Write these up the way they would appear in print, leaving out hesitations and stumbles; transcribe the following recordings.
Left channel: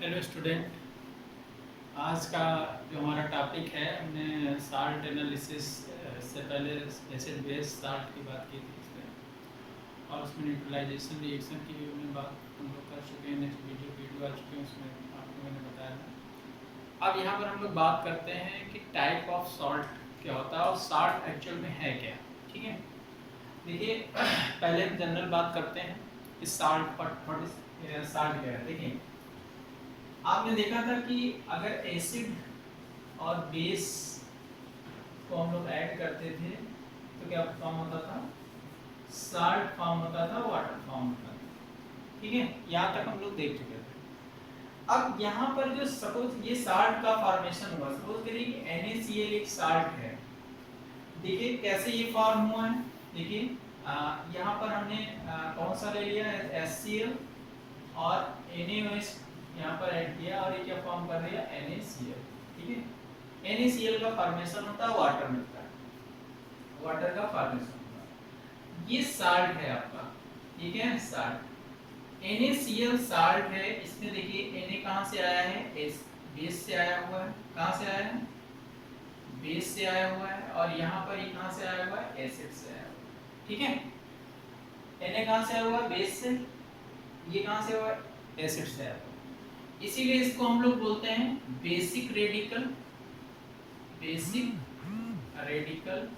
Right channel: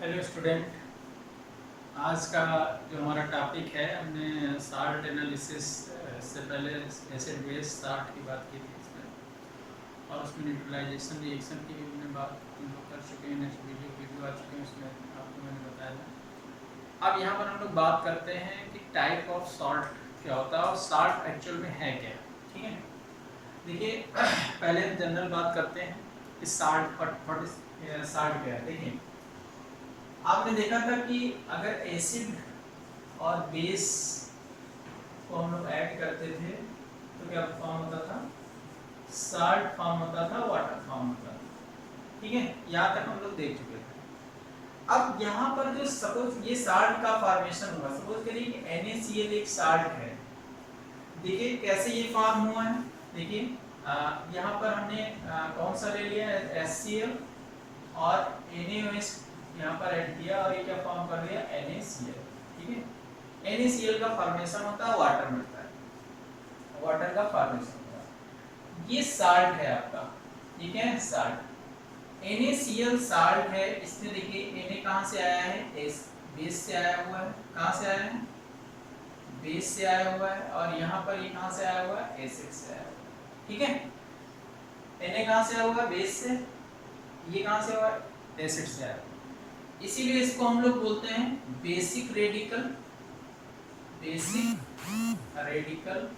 Hello student. आज का जो हमारा टॉपिक है, हमने साल्ट एनालिसिस से पहले एसिड बेस साल्ट की बात की थी इसमें, और उसमें न्यूट्रलाइजेशन रिएक्शन की भी हमने बात हम लोग कर चुके हैं। नेक्स्ट वीडियो आ चुके हैं, उसमें आपको मैंने बताया था। अब यहाँ पर हम लोग बात करते हैं कि टाइप ऑफ साल्ट क्या होता है और साल्ट एक्चुअल में है क्या। ठीक है, देखिए पहले हम जनरल बात करते हैं कि साल्ट साल्ट क्या है। देखिए, आपने देखा था कि अगर एसिड और बेस को हम लोग ऐड करते थे तो क्या फॉर्म होता था? साल्ट फॉर्म होता था, वाटर फॉर्म होता था। ठीक है, यहाँ तक हम लोग देख चुके थे। अब यहाँ पर जो सपोज ये साल्ट का फॉर्मेशन हुआ, सपोज करिए कि NaCl एक साल्ट है। देखिए कैसे ये फॉर्म हुआ है। देखिए यहाँ पर हमने कौन सा ले लिया है, HCl, और NaOH यहाँ पर ऐड किया और ये क्या फॉर्म कर दिया, NaCl। ठीक है, NaCl का फॉर्मेशन होता है वाटर में, वाटर का फॉर्मेशन होता है। ये साल्ट है आपका, ठीक है, साल्ट NaCl साल्ट है। इसमें देखिए Na कहाँ से आया है, बेस से आया हुआ है। कहाँ से आया है? बेस से आया हुआ है। और यहाँ पर ये कहाँ से आया हुआ है, एसिड से आया हुआ है। ठीक है, Na कहाँ से आया हुआ है, बेस से। ये कहाँ से हुआ है, एसिड से आया हुआ है। इसीलिए इसको हम लोग बोलते हैं बेसिक रेडिकल, बेसिक रेडिकल।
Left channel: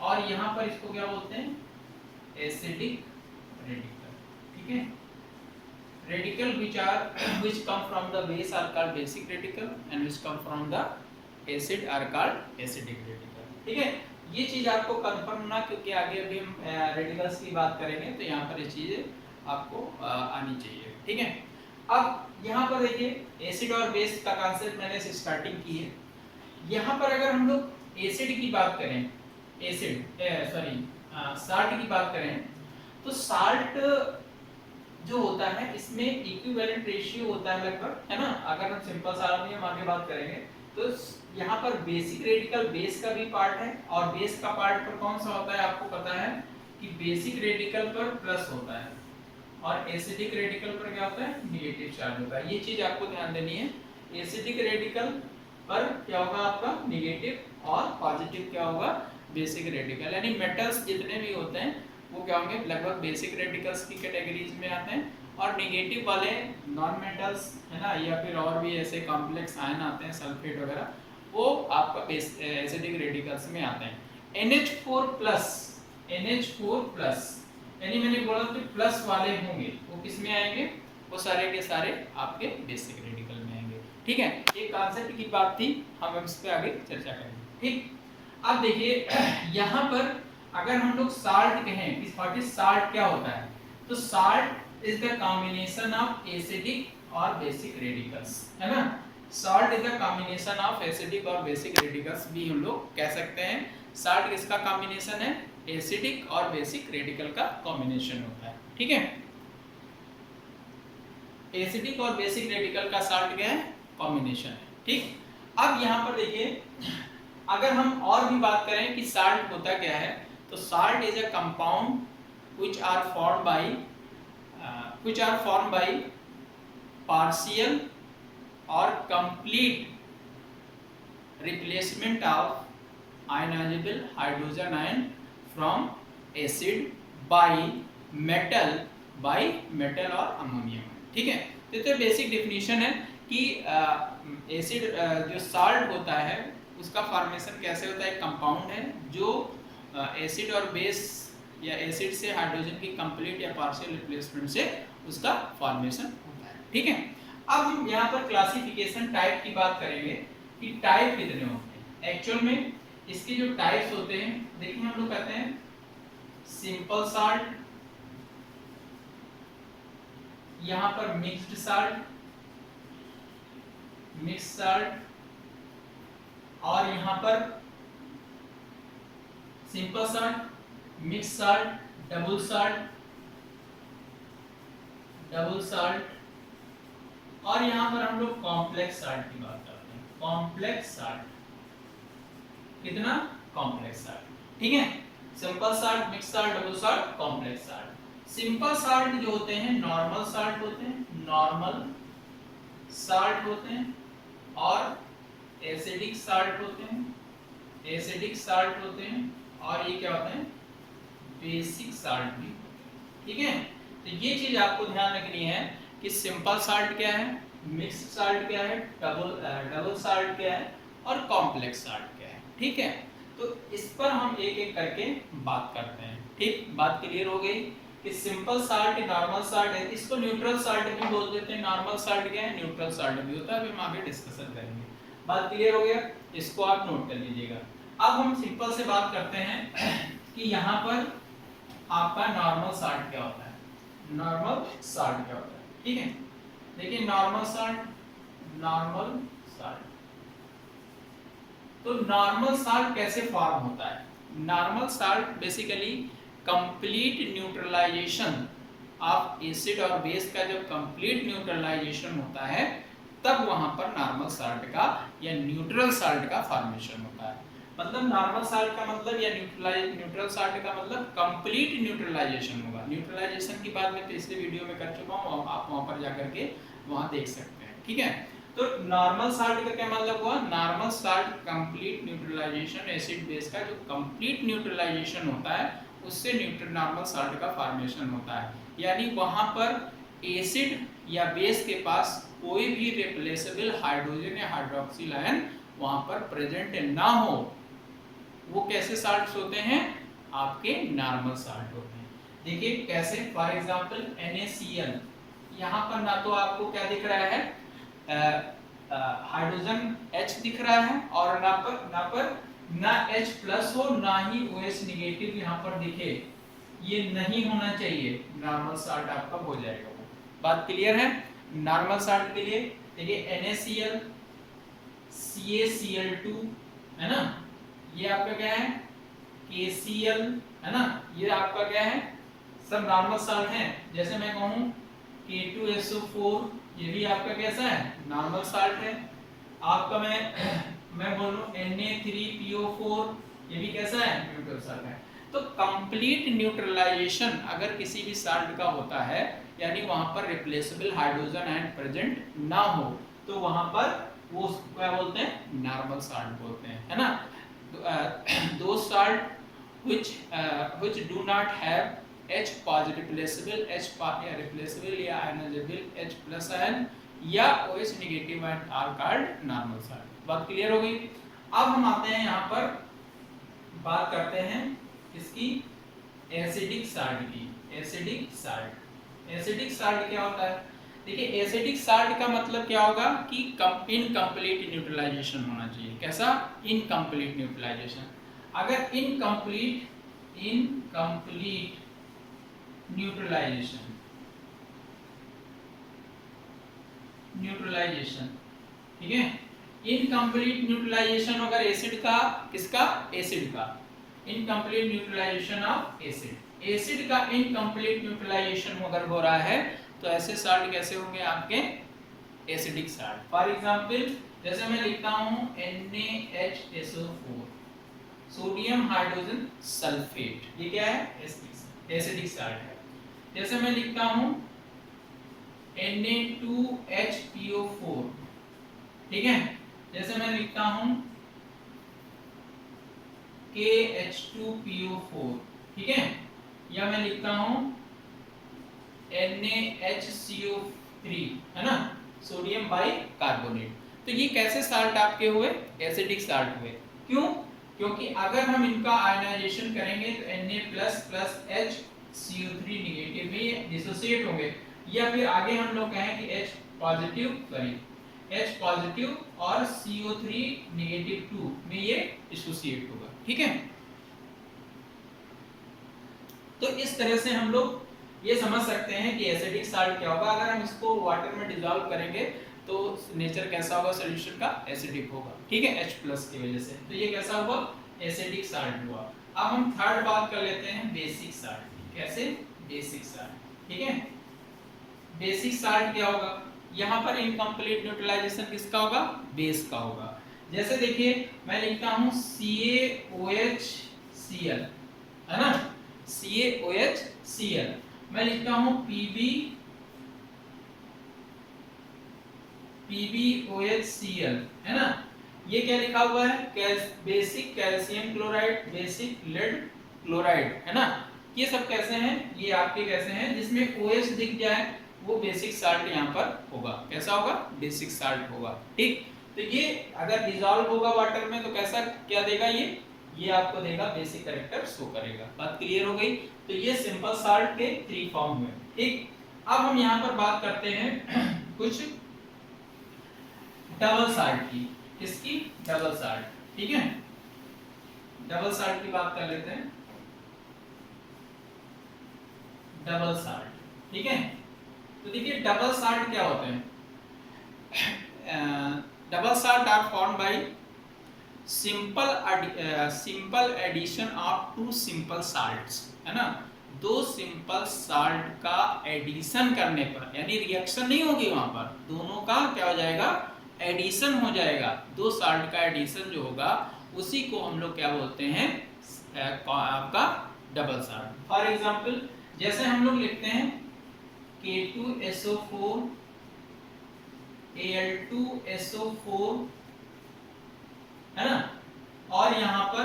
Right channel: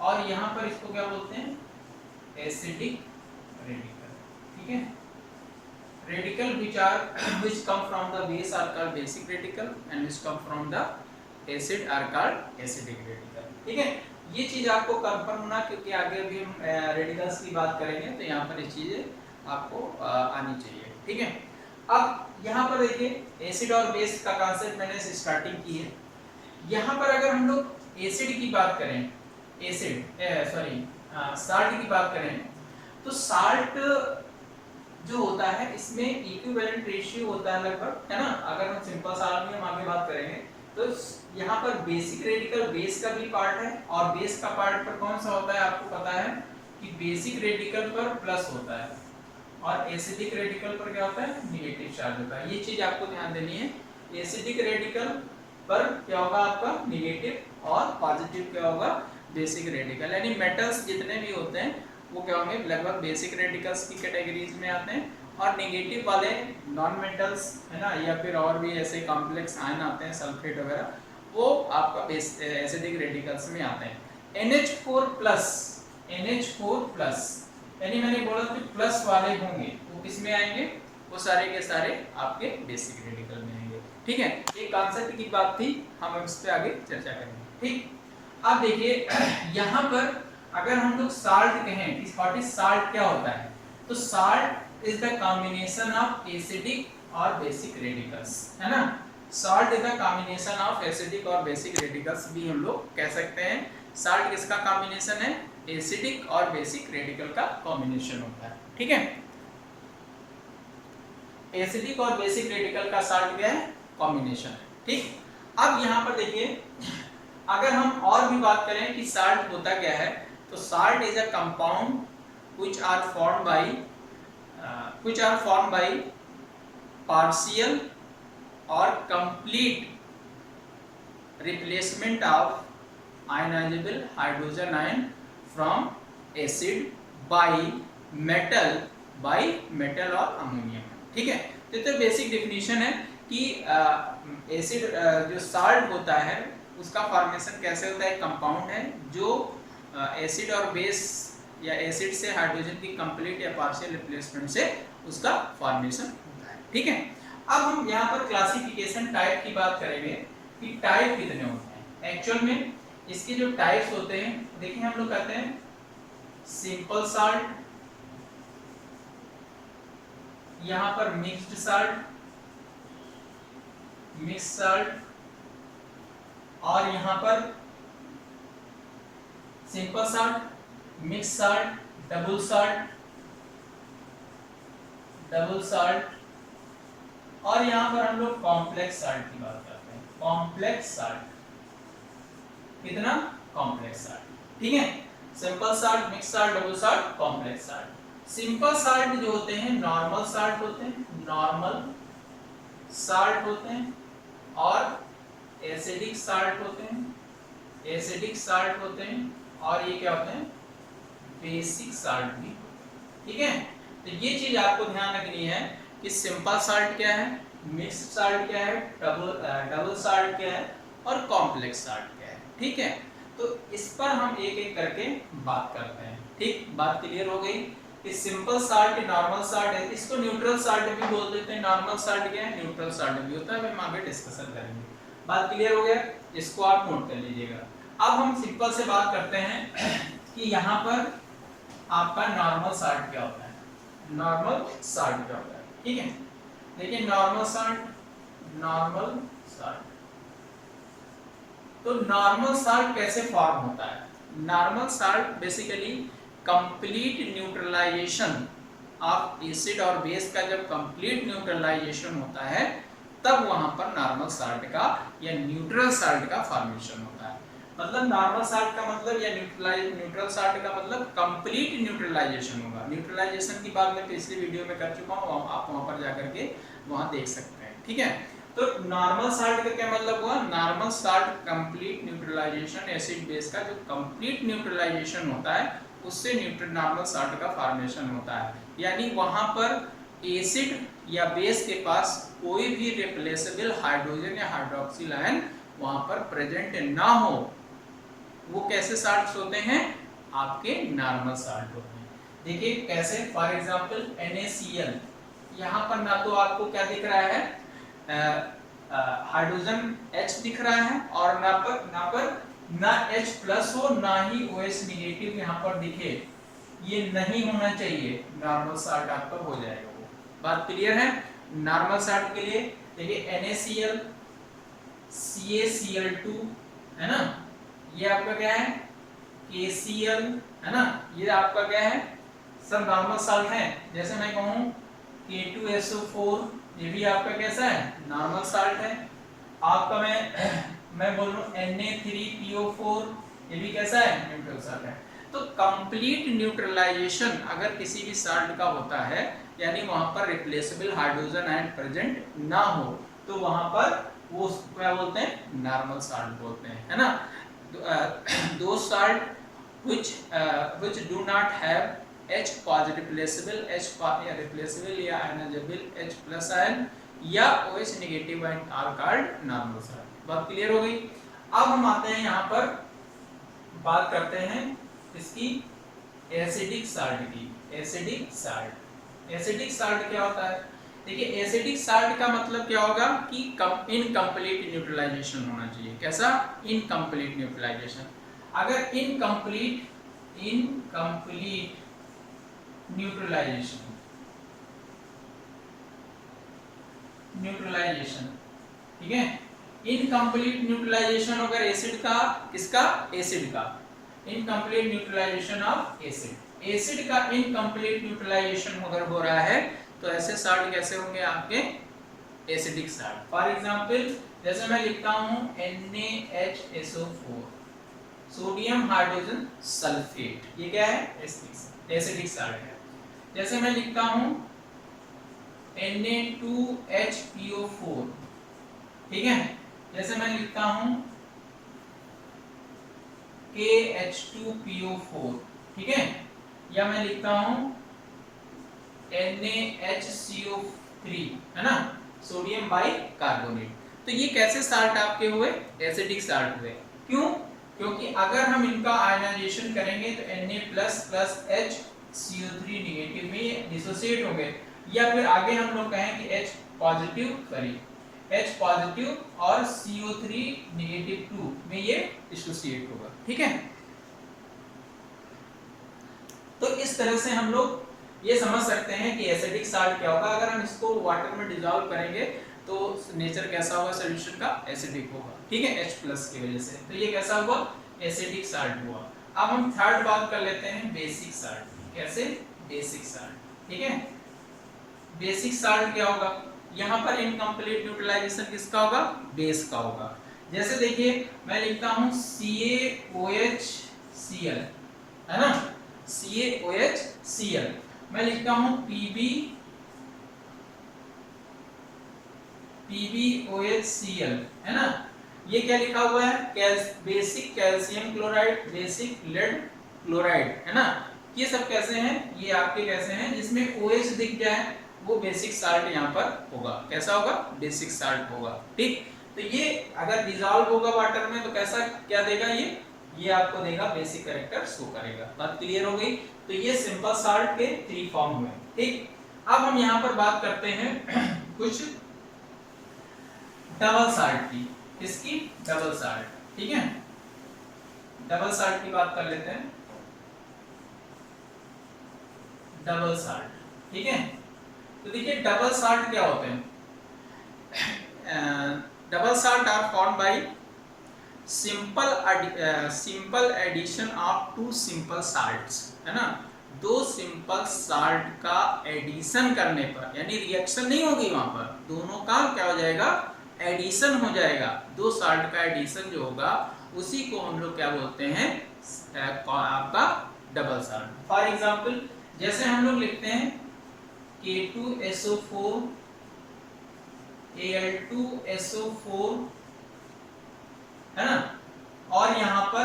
और यहाँ पर इसको क्या बोलते हैं, एसिडिक रेडिकल। ठीक है, radical which come from the base are called basic radical and which come from the acid are called acidic radical। ठीक है, ये चीज आपको कंफर्म ना, क्योंकि आगे अभी हम रेडिकल्स की बात करेंगे तो यहाँ पर ये चीजें आपको आनी चाहिए। ठीक है, अब यहाँ पर देखिए एसिड और बेस का कॉन्सेप्ट मैंने स्टार्टिंग की है। यहाँ पर अगर हम लोग एसिड की बात करें, साल्ट की बात करें, तो साल्ट जो होता है इसमें इक्विवेलेंट रेशियो होता है लगभग, है ना। अगर हम सिंपल साल्ट में हम आगे बात करेंगे तो यहाँ पर बेसिक रेडिकल बेस का भी पार्ट है, और बेस का पार्ट पर कौन सा होता है आपको पता है कि बेसिक रेडिकल पर प्लस होता है और एसिडिक रेडिकल पर क्या होता है, नेगेटिव चार्ज होता है। ये चीज आपको ध्यान देनी है। एसिडिक रेडिकल पर क्या होगा आपका, नेगेटिव, और पॉजिटिव क्या होगा, बेसिक रेडिकल। यानी मेटल्स जितने भी होते हैं वो क्या होंगे, लगभग बेसिक रेडिकल्स की कैटेगरीज में आते हैं, और नेगेटिव वाले नॉन मेटल्स, है ना, या फिर और भी ऐसे कॉम्प्लेक्स आयन आते हैं, सल्फेट वगैरह, वो आपका एसिडिक रेडिकल्स में आते हैं। NH4+, यानी मैंने बोला कि प्लस वाले होंगे, वो किस में आएंगे, वो सारे के सारे आपके बेसिक रेडिकल में आएंगे। ठीक है, ये कॉन्सेप्ट की बात थी, हम इस पे आगे चर्चा करेंगे। ठीक, अब देखिए यहाँ पर अगर हम लोग साल्ट कहें, इस व्हाट इज साल्ट क्या होता है, तो salt is the combination of acidic और बेसिक रेडिकल्स, है ना। Salt is the combination of acidic और बेसिक रेडिकल्स भी हम लोग कह सकते हैं। साल्ट किसका कॉम्बिनेशन है, एसिडिक और बेसिक रेडिकल का कॉम्बिनेशन होता है। ठीक है, एसिडिक और बेसिक रेडिकल का साल्ट क्या है, कॉम्बिनेशन है। ठीक, अब यहाँ पर देखिए अगर हम और भी बात करें कि साल्ट होता क्या है, तो salt is a compound which are formed by partial or complete replacement of ionizable hydrogen ion from acid by metal और अमोनियम। ठीक है, तो बेसिक डेफिनेशन है कि एसिड जो साल्ट होता है उसका फॉर्मेशन कैसे होता है, कंपाउंड है जो एसिड और बेस या एसिड से हाइड्रोजन की कंप्लीट या पार्शियल रिप्लेसमेंट से उसका फॉर्मेशन होता है। ठीक है, अब हम यहाँ पर क्लासिफिकेशन टाइप की बात करेंगे कि टाइप कितने होते हैं। एक्चुअल में इसके जो टाइप्स होते हैं, देखिए हम लोग कहते हैं सिंपल साल्ट, यहाँ पर मिक्स्ड साल्ट, मिक्स साल्ट, और यहाँ पर simple salt, mix salt, double salt, और यहाँ पर हम लोग कॉम्प्लेक्स साल्ट की बात करते हैं। कॉम्प्लेक्स साल्ट, कितना, कॉम्प्लेक्स साल्ट। ठीक है, simple salt, mix salt, double salt, complex salt. Simple salt जो होते हैं नॉर्मल साल्ट होते हैं, नॉर्मल साल्ट होते हैं और एसिडिक साल्ट होते हैं, एसिडिक साल्ट होते हैं और ये क्या होते हैं, बेसिक साल्ट भी होते हैं। ठीक है, तो ये चीज आपको ध्यान रखनी है कि सिंपल साल्ट क्या है, मिक्स्ड साल्ट क्या है, डबल साल्ट क्या है और कॉम्प्लेक्स साल्ट क्या है। ठीक है, तो इस पर हम एक एक करके बात करते हैं। ठीक, बात क्लियर हो गई कि सिंपल साल्ट नॉर्मल साल्ट है, इसको न्यूट्रल साल्ट भी बोल देते हैं। नॉर्मल साल्ट क्या है, न्यूट्रल साल्ट भी होता है, हम आगे डिस्कशन करेंगे। बात क्लियर हो गया, इसको आप नोट कर लीजिएगा। अब हम सिंपल से बात करते हैं कि यहाँ पर आपका नॉर्मल साल्ट क्या होता है, नॉर्मल साल्ट क्या होता है। ठीक है, देखिए नॉर्मल साल्ट, नॉर्मल साल्ट, तो नॉर्मल साल्ट कैसे फॉर्म होता है। Normal salt basically complete neutralisation of acid और बेस का जब कंप्लीट न्यूट्रलाइजेशन होता है तब वहां पर नॉर्मल साल्ट का या न्यूट्रल साल्ट का फॉर्मेशन होता है। मतलब नॉर्मल साल्ट का मतलब या न्यूट्रल साल्ट का मतलब कंप्लीट न्यूट्रलाइजेशन होगा। न्यूट्रलाइजेशन की बात मैं पिछली वीडियो में कर चुका हूँ, आप वहां पर जाकर के वहां देख सकते हैं। ठीक है, तो नॉर्मल साल्ट का क्या मतलब हुआ, normal salt complete neutralisation, acid base का जो कंप्लीट न्यूट्रलाइजेशन होता है उससे नॉर्मल साल्ट का फॉर्मेशन होता है। यानी वहां पर एसिड या बेस के पास कोई भी रिप्लेसेबल हाइड्रोजन या हाइड्रोक्सिल आयन वहां पर प्रेजेंट ना हो, वो कैसे साल्ट्स होते हैं, आपके नॉर्मल साल्ट होते हैं। देखिए कैसे, फॉर एग्जांपल NaCl, यहाँ पर ना तो आपको क्या दिख रहा है, हाइड्रोजन H दिख रहा है और ना H प्लस हो ना ही OH निगेटिव यहाँ पर दिखे, ये नहीं होना चाहिए, नॉर्मल साल्ट आपका हो जाएगा वो। बात क्लियर है। नॉर्मल साल्ट के लिए देखिए NaCl, CaCl2 है ना, ये आपका क्या है, KCl है ना, ये आपका क्या है, सब नॉर्मल साल्ट है। जैसे मैं कहूँ K2SO4, ये भी आपका कैसा है, नॉर्मल साल्ट है। आपका मैं बोलूँ Na3PO4, ये भी कैसा है, न्यूट्रल साल्ट है। तो कंप्लीट न्यूट्रलाइजेशन अगर किसी भी साल्ट का होता है, यानी वहां पर रिप्लेसेबल हाइड्रोजन आयन प्रेजेंट ना हो, तो वहां पर वो क्या बोलते हैं, नॉर्मल साल्ट बोलते हैं, है ना। दो salt which do not have H positive replaceable या ionizable H plus ion या OH negative ion are called normal salt। बात क्लियर हो गई। अब हम आते हैं यहाँ पर बात करते हैं इसकी एसिडिक साल्ट की। एसिडिक साल्ट, एसिडिक साल्ट क्या होता है, देखिए एसिडिक साल्ट का मतलब क्या होगा कि इनकम्प्लीट न्यूट्रलाइजेशन होना चाहिए। कैसा, इनकम्प्लीट न्यूट्रलाइजेशन। अगर इनकम्प्लीट न्यूट्रलाइजेशन, ठीक है, इनकम्प्लीट न्यूट्रलाइजेशन अगर एसिड का, किसका, एसिड का, incomplete neutralisation of acid, acid का इनकम्प्लीट न्यूट्रलाइजेशन अगर हो रहा है तो ऐसे साल्ट कैसे होंगे आपके, एसिडिक साल्ट। फॉर एग्जांपल जैसे मैं लिखता हूं NaHSO4, सोडियम हाइड्रोजन सल्फेट, ये क्या है, एसिडिक साल्ट है। जैसे मैं लिखता हूं Na2HPO4, ठीक है, जैसे मैं लिखता हूं KH2PO4, ठीक है, या मैं लिखता हूं NaHCO3, है ना, सोडियम बाइकार्बोनेट। तो ये कैसे साल्ट आपके हुए, एसिडिक साल्ट हुए। क्यों, क्योंकि अगर हम इनका आयनाइजेशन करेंगे तो Na++HCO3 निगेटिव में ये डिसोसिएट होंगे, या फिर आगे हम लोग कहें कि H पॉजिटिव और CO3 निगेटिव 2 में ये डिसोसिएट होगा। ठीक है, तो इस तरह से हम लोग ये समझ सकते हैं कि एसिडिक साल्ट क्या होगा। अगर हम इसको वाटर में डिसॉल्व करेंगे तो नेचर कैसा होगा, सॉल्यूशन का एसिडिक होगा। ठीक है, H+ की वजह से, तो ये कैसा हुआ, एसिडिक साल्ट हुआ। अब हम थर्ड बात कर लेते हैं बेसिक साल्ट। कैसे, बेसिक साल्ट, ठीक है। बेसिक साल्ट क्या होगा, यहाँ पर इनकम्प्लीट न्यूट्रलाइजेशन किसका होगा, बेस का होगा। जैसे देखिए मैं लिखता हूँ CaOHCl, है ना, CaOHCl, मैं लिखता हूँ PbOHCl, है ना। ये क्या लिखा हुआ है, basic calcium chloride, basic lead chloride, है ना। ये सब कैसे हैं, ये आपके कैसे हैं जिसमें OH दिख जाए, वो बेसिक साल्ट यहाँ पर होगा। कैसा होगा, बेसिक साल्ट होगा, ठीक। तो ये अगर डिजॉल्व होगा वाटर में तो कैसा क्या देगा, ये आपको देगा बेसिक कैरेक्टर शो करेगा। बात क्लियर हो गई। तो ये सिंपल साल्ट के 3 फॉर्म हुए, ठीक। अब हम यहाँ पर बात करते हैं कुछ डबल साल्ट की, इसकी डबल साल्ट, ठीक है। डबल साल्ट की बात कर लेते हैं, डबल साल्ट, ठीक है। तो देखिए डबल साल्ट क्या होते हैं, double salt are formed by simple addition of 2 simple salts, है ना। 2 सिंपल साल्ट का एडिशन करने पर, यानी रिएक्शन नहीं होगी वहां पर, दोनों का क्या हो जाएगा, एडिशन हो जाएगा। 2 साल्ट का एडिशन जो होगा उसी को हम लोग क्या बोलते हैं, आपका डबल साल्ट। फॉर एग्जांपल जैसे हम लोग लिखते हैं K2SO4 Al2SO4, है ना, और यहाँ पर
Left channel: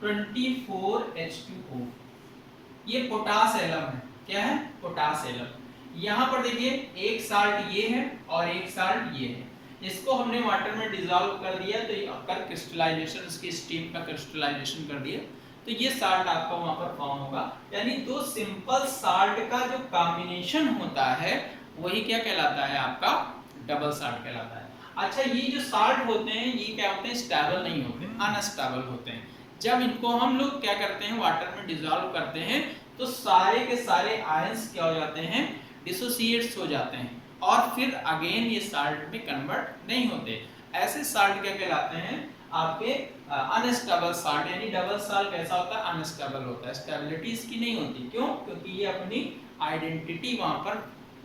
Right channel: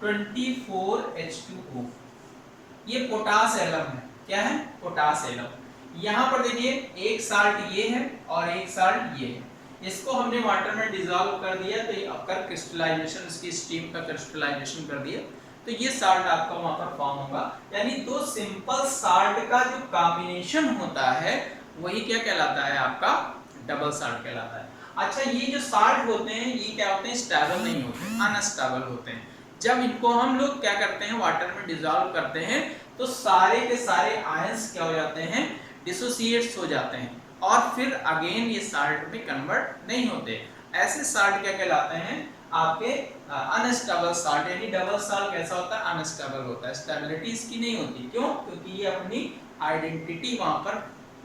24H2O, ये पोटास एलम है। क्या है, पोटास एलम। यहाँ पर देखिए एक साल्ट ये है और एक साल्ट ये है, इसको हमने वाटर में डिसॉल्व कर दिया तो ये कर क्रिस्टलाइजेशन, इसकी स्टीम का क्रिस्टलाइजेशन कर दिया तो ये साल्ट आपका वहां पर फॉर्म होगा। यानी 2 सिंपल साल्ट का जो कॉम्बिनेशन होता है वही क्या कहलाता है, आपका डबल साल्ट कहलाता है। अच्छा ये जो साल्ट होते हैं ये क्या होते हैं, स्टेबल नहीं होते, अनस्टेबल होते हैं। जब इनको हम लोग क्या करते हैं, वाटर में डिसॉल्व करते हैं तो सारे के सारे आयंस क्या हो जाते हैं, डिसोसिएट्स हो जाते हैं और फिर अगेन ये साल्ट में कन्वर्ट नहीं होते। ऐसे साल्ट क्या कहलाते हैं, आपके अनस्टेबल साल्ट। यानी डबल साल्ट कैसा होता है, अनस्टेबल होता है, स्टेबिलिटी इसकी नहीं होती। क्यों, क्योंकि ये अपनी आइडेंटिटी वहां पर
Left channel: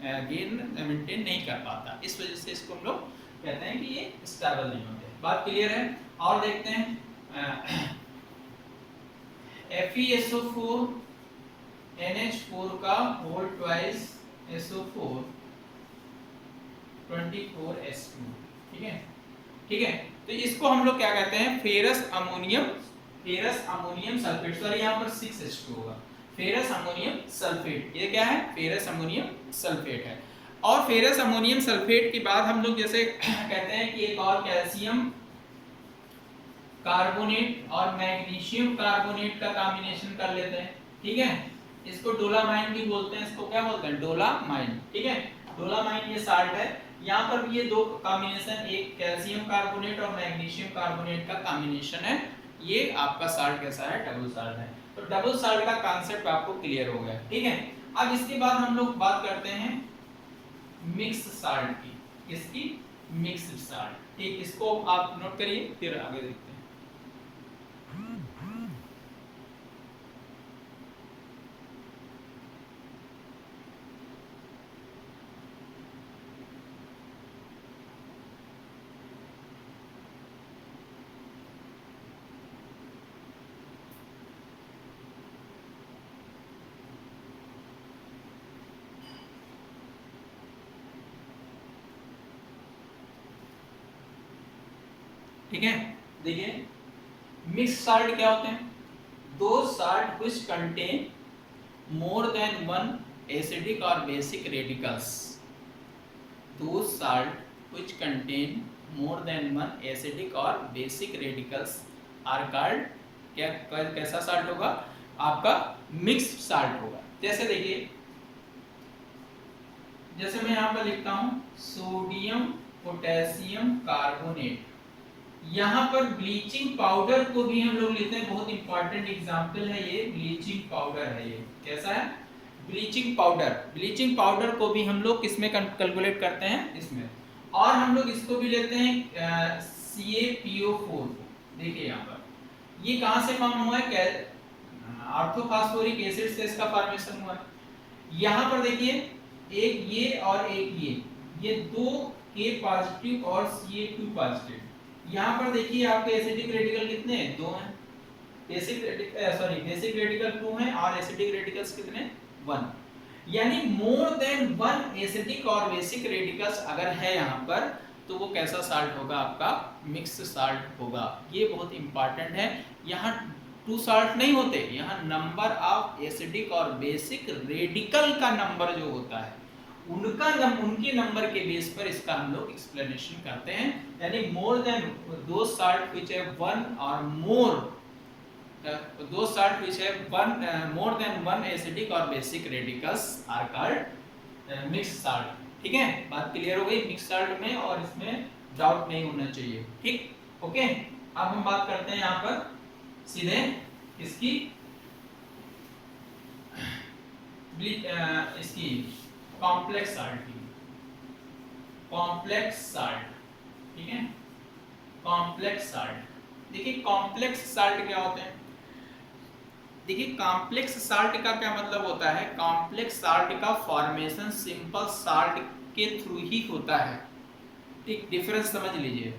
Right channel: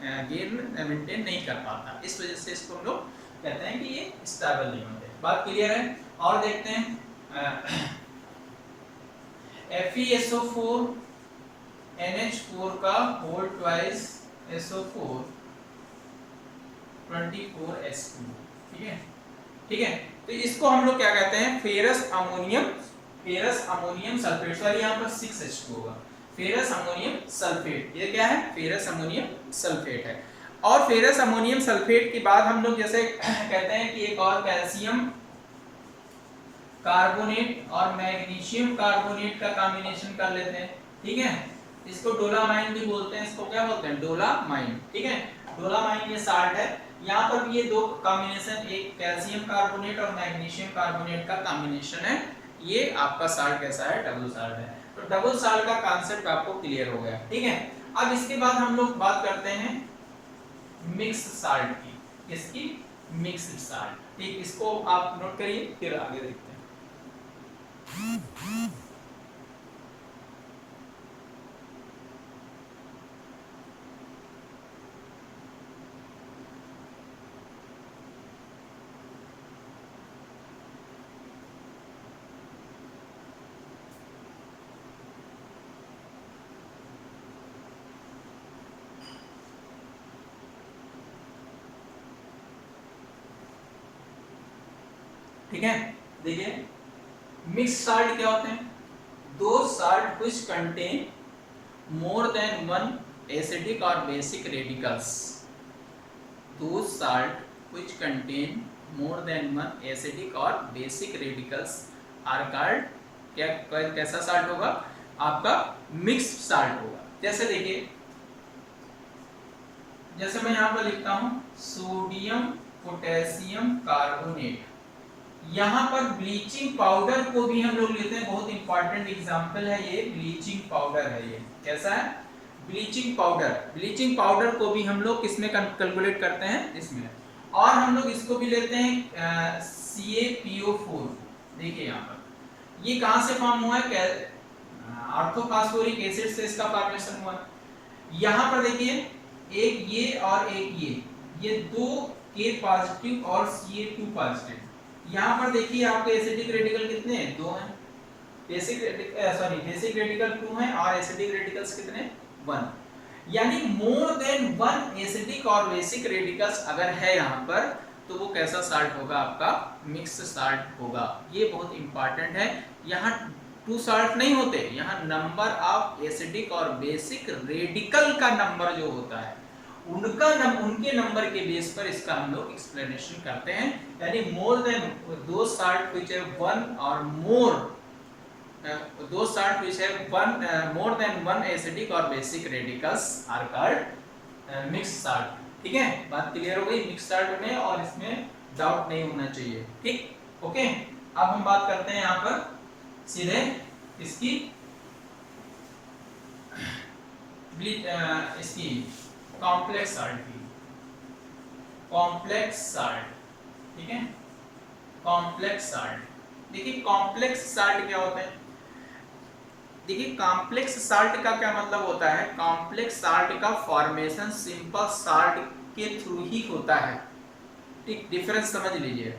गेन मेंटेन नहीं कर पाता, इस वजह से इसको हम लोग कहते हैं कि ये स्टेबल नहीं होते। बात क्लियर है। और देखते हैं FeSO4 NH4 का होल ट्वाइस SO4 24H2, ठीक है, ठीक है। तो इसको हम लोग क्या कहते हैं, फेरस अमोनियम सल्फेट। सॉरी यहाँ पर 6H2 होगा, फेरस अमोनियम सल्फेट। ये क्या है, फेरस अमोनियम सल्फेट है। और फेरस अमोनियम सल्फेट के बाद हम लोग जैसे कहते हैं कि एक और कैल्शियम कार्बोनेट और मैग्नीशियम कार्बोनेट का कॉम्बिनेशन कर लेते हैं, ठीक है। इसको डोलामाइन भी बोलते हैं, इसको क्या बोलते हैं, डोलामाइन, ठीक है। डोलामाइन ये साल्ट है। यहाँ पर भी ये 2 कॉम्बिनेशन, एक कैल्शियम कार्बोनेट और मैग्नीशियम कार्बोनेट का कॉम्बिनेशन है। ये आपका साल्ट कैसा है, डबल साल्ट है। तो डबल साल्ट का कॉन्सेप्ट आपको क्लियर हो गया, ठीक है। अब इसके बाद हम लोग बात करते हैं मिक्स साल्ट की, इसकी मिक्स्ड साल्ट, ठीक। इसको आप नोट करिए, फिर आगे देखते हैं। ठीक है, देखिए मिक्स साल्ट क्या होते हैं, 2 salt which contain more than 1 acidic और basic radicals. 2 salt which contain more than 1 acidic और बेसिक रेडिकल्स आर कॉल्ड, क्या कैसा साल्ट होगा, आपका मिक्स साल्ट होगा। जैसे देखिए, जैसे मैं यहाँ पर लिखता हूँ सोडियम पोटेशियम कार्बोनेट। यहाँ पर ब्लीचिंग पाउडर को भी हम लोग लेते हैं, बहुत इंपॉर्टेंट एग्जांपल है ये, ब्लीचिंग पाउडर है। ये कैसा है, ब्लीचिंग पाउडर। ब्लीचिंग पाउडर को भी हम लोग किसमें कैलकुलेट करते हैं, इसमें। और हम लोग इसको भी लेते हैं CaPO4। देखिए यहाँ पर ये कहाँ से फॉर्म हुआ है, ऑर्थोफॉस्फोरिक एसिड से इसका फॉर्मेशन हुआ है। यहाँ पर देखिए एक ये और एक ये 2 K पॉजिटिव और Ca2 पॉजिटिव। यहाँ पर देखिए आपके एसिडिक रेडिकल कितने हैं, 2 हैं। बेसिक रेडिकल 2 हैं और एसिडिक रेडिकल्स कितने, 1। यानी मोर देन वन एसिडिक और बेसिक रेडिकल्स अगर है यहाँ पर, तो वो कैसा साल्ट होगा, आपका मिक्स साल्ट होगा। ये बहुत इंपॉर्टेंट है। यहाँ टू साल्ट नहीं होते, यहाँ नंबर ऑफ एसिडिक और बेसिक रेडिकल का नंबर जो होता है उनके नंबर के बेस पर इसका हम लोग एक्सप्लेनेशन करते हैं। यानी मोर देन दो साल्ट विच है वन और मोर दो साल्ट विच है one more than one acidic और basic radicals are called mix salt. ठीक है, बात क्लियर हो गई मिक्स साल्ट में, और इसमें डाउट नहीं होना चाहिए। ठीक, ओके। अब हम बात करते हैं यहाँ पर सीधे इसकी इसकी कॉम्प्लेक्स साल्ट की, कॉम्प्लेक्स साल्ट। ठीक है, कॉम्प्लेक्स साल्ट। देखिए कॉम्प्लेक्स साल्ट क्या होते हैं। देखिए कॉम्प्लेक्स साल्ट का क्या मतलब होता है, कॉम्प्लेक्स साल्ट का फॉर्मेशन सिंपल साल्ट के थ्रू ही होता है। ठीक, डिफरेंस समझ लीजिए।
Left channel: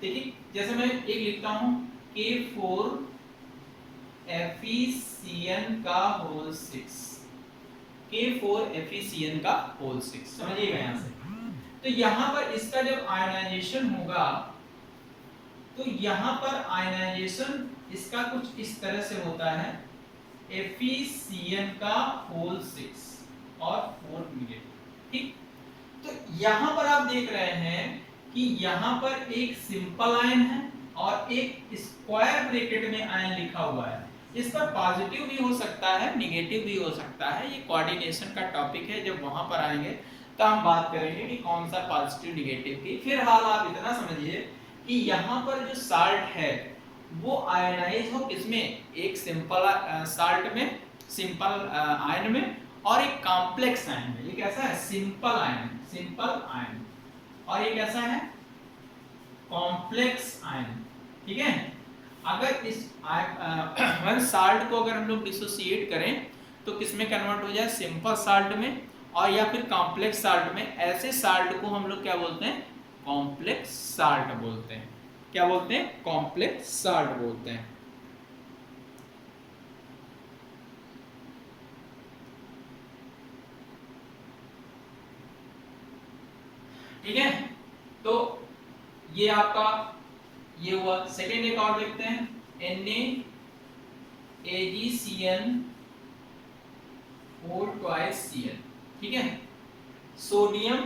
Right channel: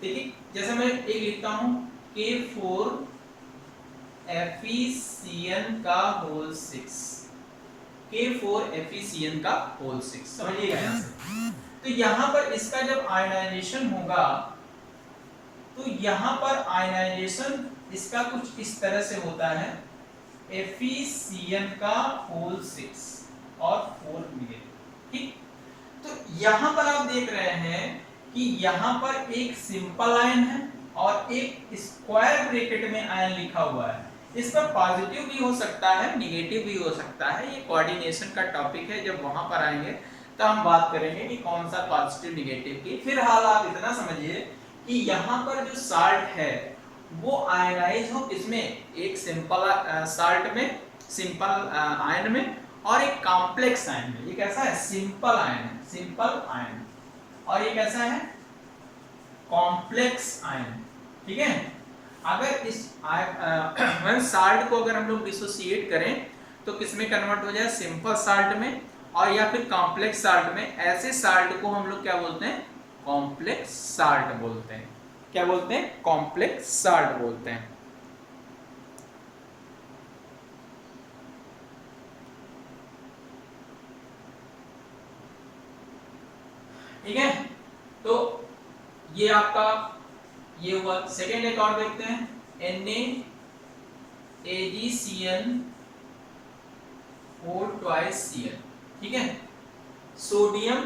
देखिए जैसे मैं एक लिखता हूं K4 FeCN का होल 6, K4 FeCN का होल 6, समझिएगा यहाँ से। तो यहाँ पर इसका जब आयनाइजेशन होगा तो यहाँ पर आयनाइजेशन इसका कुछ इस तरह से होता है, FeCN का होल 6 और 4 निगेटिव। ठीक, तो यहाँ पर आप देख रहे हैं कि यहाँ पर एक सिंपल आयन है और एक स्क्वायर ब्रैकेट में आयन लिखा हुआ है। इस पर पॉजिटिव भी हो सकता है, निगेटिव भी हो सकता है। ये कोऑर्डिनेशन का टॉपिक है, जब वहां पर आएंगे तो हम बात करेंगे कि कौन सा पॉजिटिव निगेटिव की। फिलहाल आप इतना समझिए कि यहाँ पर जो साल्ट है वो आयनाइज हो किसमें, एक सिंपल साल्ट में, सिंपल आयन में, और एक कॉम्प्लेक्स आयन में। ये कैसा है, सिंपल आयन, सिंपल आयन, और ये कैसा है, कॉम्प्लेक्स आयन। ठीक है, अगर इस वन साल्ट को अगर हम लोग डिसोसिएट करें तो किसमें कन्वर्ट हो जाए, सिंपल साल्ट में, और या फिर कॉम्प्लेक्स साल्ट में। ऐसे साल्ट को हम लोग क्या बोलते हैं, कॉम्प्लेक्स साल्ट बोलते हैं। क्या बोलते हैं, कॉम्प्लेक्स साल्ट बोलते हैं। ठीक है, तो ये आपका ये हुआ। सेकेंड एक और देखते हैं, NaAgCN और ट्वाइस Cl। ठीक है, सोडियम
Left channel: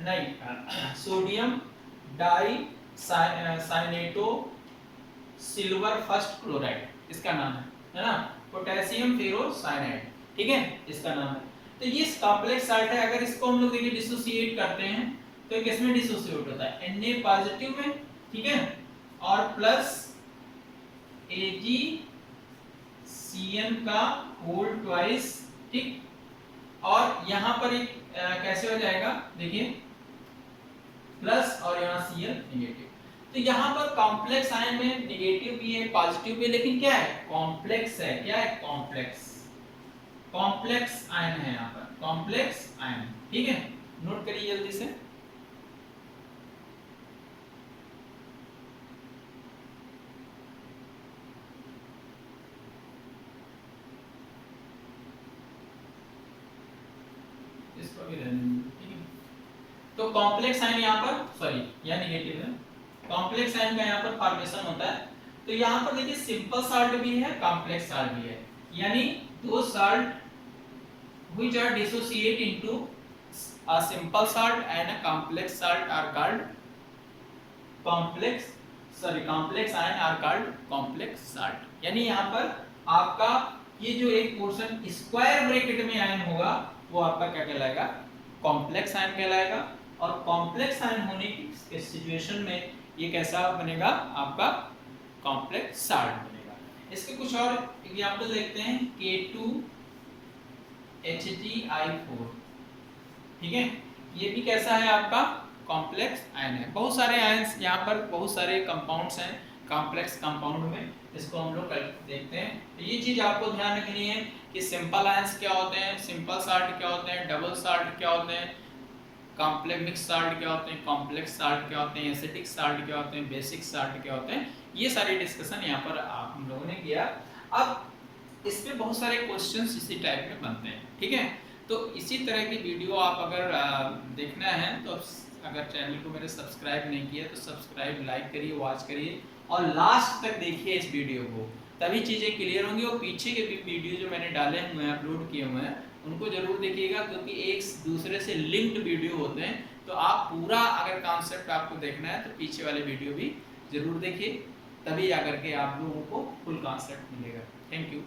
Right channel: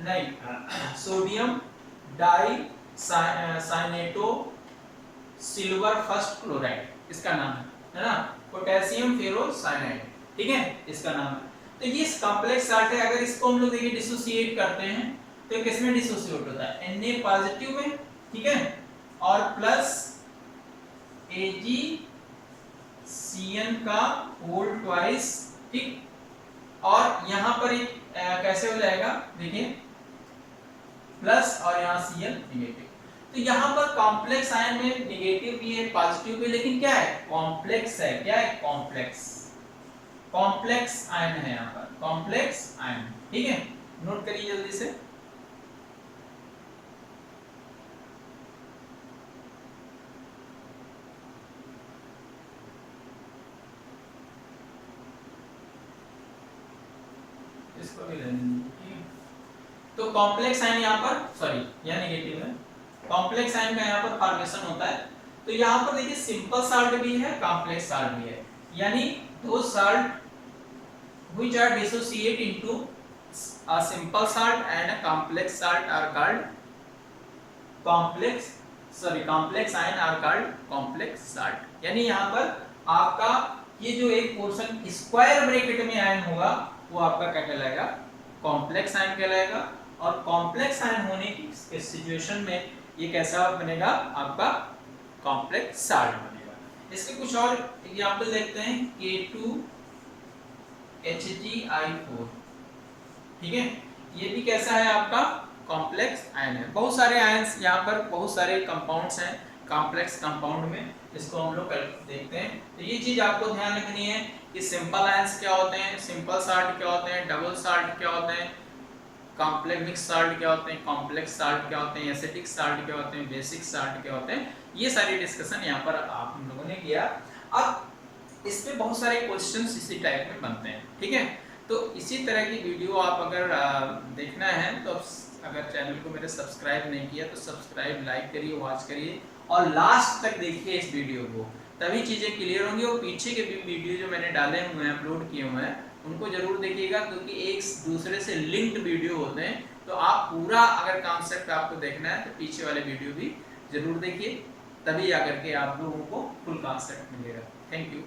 नहीं sodium di cyanato silver first chloride इसका नाम है ना, पोटेशियम फेरोसाइनाइड। ठीक है, इसका नाम है। तो ये कॉम्प्लेक्स साल्ट है। अगर इसको हम लोग देखिए डिसोसिएट करते हैं तो किसमें डिसोसिएट होता है, Na पॉजिटिव में। ठीक है, और प्लस AgCN का होल ट्वाइस। ठीक, और यहाँ पर एक कैसे हो जाएगा, देखिए प्लस और यहाँ Cl निगेटिव। तो यहाँ पर कॉम्प्लेक्स आयन में निगेटिव भी है, पॉजिटिव भी है, लेकिन क्या है, कॉम्प्लेक्स है। क्या है, कॉम्प्लेक्स, कॉम्प्लेक्स आयन है यहाँ पर, कॉम्प्लेक्स आयन। ठीक है, नोट करिए जल्दी से। इसको भी ठीक है, तो कॉम्प्लेक्स आयन यहाँ पर, सॉरी यह नेगेटिव है, कॉम्प्लेक्स आयन का यहाँ पर फॉर्मेशन होता है। तो यहाँ पर देखिए सिंपल साल्ट भी है, कॉम्प्लेक्स साल्ट भी है। यानी दो salt which are dissociate into a simple salt and a complex salt are called complex ion are called complex salt। यानी यहाँ पर आपका ये जो एक पोर्शन स्क्वायर ब्रैकेट में आयन होगा वो आपका क्या कहलाएगा, कॉम्प्लेक्स आयन कहलाएगा। और कॉम्प्लेक्स आयन होने की सिचुएशन में ये कैसा बनेगा, आपका कॉम्प्लेक्स साल्ट बनेगा। इसके कुछ और एग्जांपल देखते हैं, K2HgI4। ठीक है, ये भी कैसा है, आपका कॉम्प्लेक्स आयन है। बहुत सारे आयन्स यहाँ पर, बहुत सारे कंपाउंड्स हैं कॉम्प्लेक्स कंपाउंड में, इसको हम लोग देखते हैं। तो ये चीज आपको ध्यान रखनी है कि सिंपल आयन्स क्या होते हैं, सिंपल साल्ट क्या होते हैं, डबल साल्ट क्या होते हैं, कॉम्प्लेक्स मिक्स साल्ट क्या होते हैं, कॉम्प्लेक्स साल्ट क्या होते हैं, एसिडिक साल्ट क्या होते हैं, बेसिक साल्ट क्या होते हैं। ये सारी डिस्कशन यहाँ पर आप हम लोगों ने किया। अब इस पे बहुत सारे क्वेश्चंस इसी टाइप में बनते हैं, ठीक है। तो इसी तरह की वीडियो आप अगर देखना है तो अगर चैनल को मेरे सब्सक्राइब नहीं किया तो सब्सक्राइब, लाइक करिए, वॉच करिए और लास्ट तक देखिए इस वीडियो को, तभी चीज़ें क्लियर होंगी। और पीछे के भी वीडियो जो मैंने डाले हुए हैं, अपलोड किए हुए हैं, उनको जरूर देखिएगा, क्योंकि एक दूसरे से लिंक्ड वीडियो होते हैं। तो आप पूरा अगर कॉन्सेप्ट आपको देखना है तो पीछे वाले वीडियो भी जरूर देखिए, तभी आकर के आप लोगों को फुल कॉन्सेप्ट मिलेगा। Thank you.